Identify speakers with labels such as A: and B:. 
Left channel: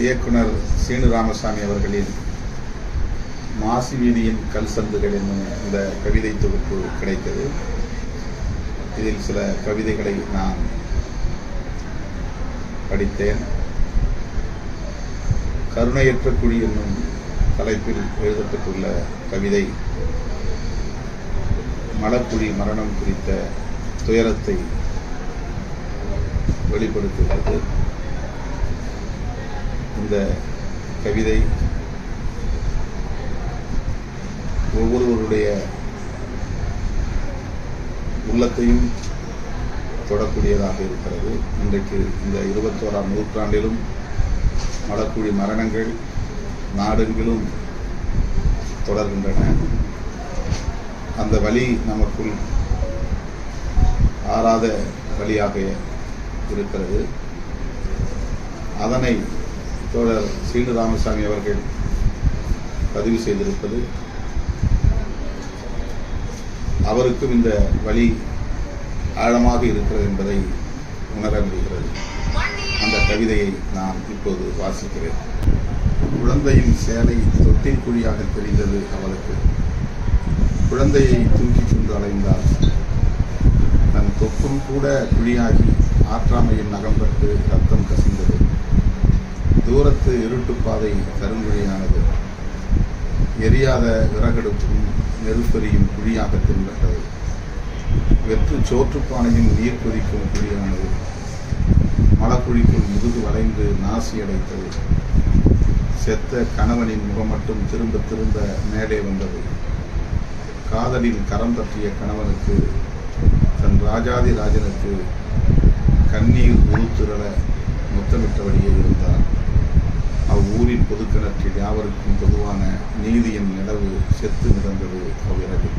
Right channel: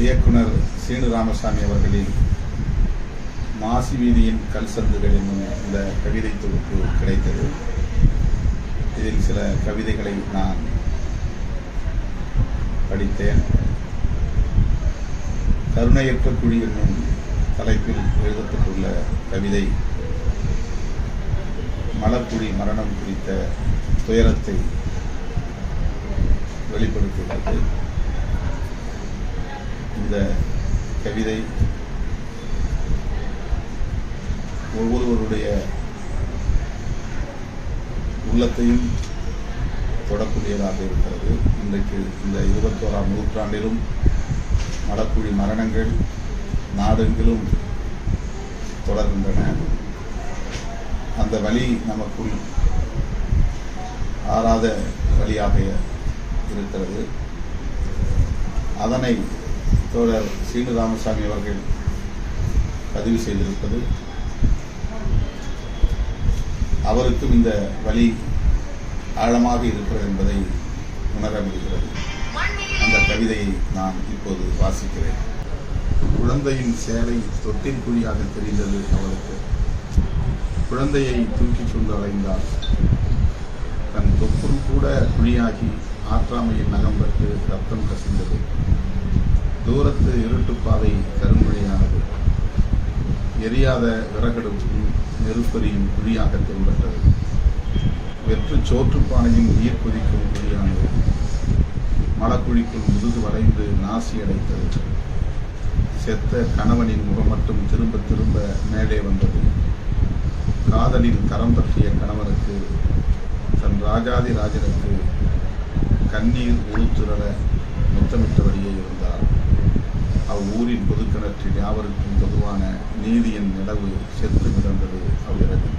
A: இயக்குனர் சீனு ராமசாமி அவர்களின் மாசி வீதியின் கல் சந்துகள் என்னும் இந்த கவிதை தொகுப்பு கிடைத்தது. இதில் சில கவிதைகளை நான் படித்தேன். கருணையற்ற குழி என்னும் தலைப்பில் எழுதப்பட்டுள்ள கவிதை மலக்குழி மரணம் குறித்த துயரத்தை வெளிப்படுத்துகிறது. இந்த கவிதை ஒவ்வொருவருடைய உள்ளத்தையும் தொடக்கூடியதாக இருக்கிறது. இன்றைக்கு இந்த இருபத்தோராம் நூற்றாண்டிலும் மலக்குழி மரணங்கள் நாடெங்கிலும் தொடர்கின்றன. அந்த வழி நமக்குள் ஆறாத வழியாக இருக்கிறது. அதனை தோழர் சீனு ராமசாமி அவர்கள் பதிவு செய்திருப்பது. அவருக்கும் இந்த வழி ஆழமாக இருக்கிறது என்பதை உணர முடிகிறது. அந்த கவிதையை நான் இப்போது வாசிக்கிறேன். குழந்தையின் சேலை தொட்டில் குழியாக தெரிந்தது அவளுக்கு. குழந்தையை தூக்கி கொண்டு அலைந்தாள். தன் தொப்பும் கூட குழியாகி ஆற்றாமையின் நகம்பட்டு ரத்தம் கசிந்தது. தூரத்து இருட்டுப்பாதை கருங்குழியானது. எரியாத விறகெடுப்பும் நெருப்பெரியும் குழியாக தென்பட்டது. வெற்று சோற்றுப்பானையும் நீர் கொதிக்கும் குழியானது. மலக்குழிக்குள் முதுகு வளைந்து நாசி அடைத்தது. செத்த கணவனின் முகம் மட்டும் திரும்ப திரும்ப மேலே வந்தது. காதலில் கரம் பற்றிய கணவனுக்கு தன் ராஜாதி ராஜனுக்கு கண்ணீர் உருத்திரள முத்தமிட்டபடியே இருந்தார். ஊரின் பொதுக்கணற்றில் யாவருக்கும் பொதுவான நீதியின் நிலவு செத்து மிதந்தது அவ்விரவில்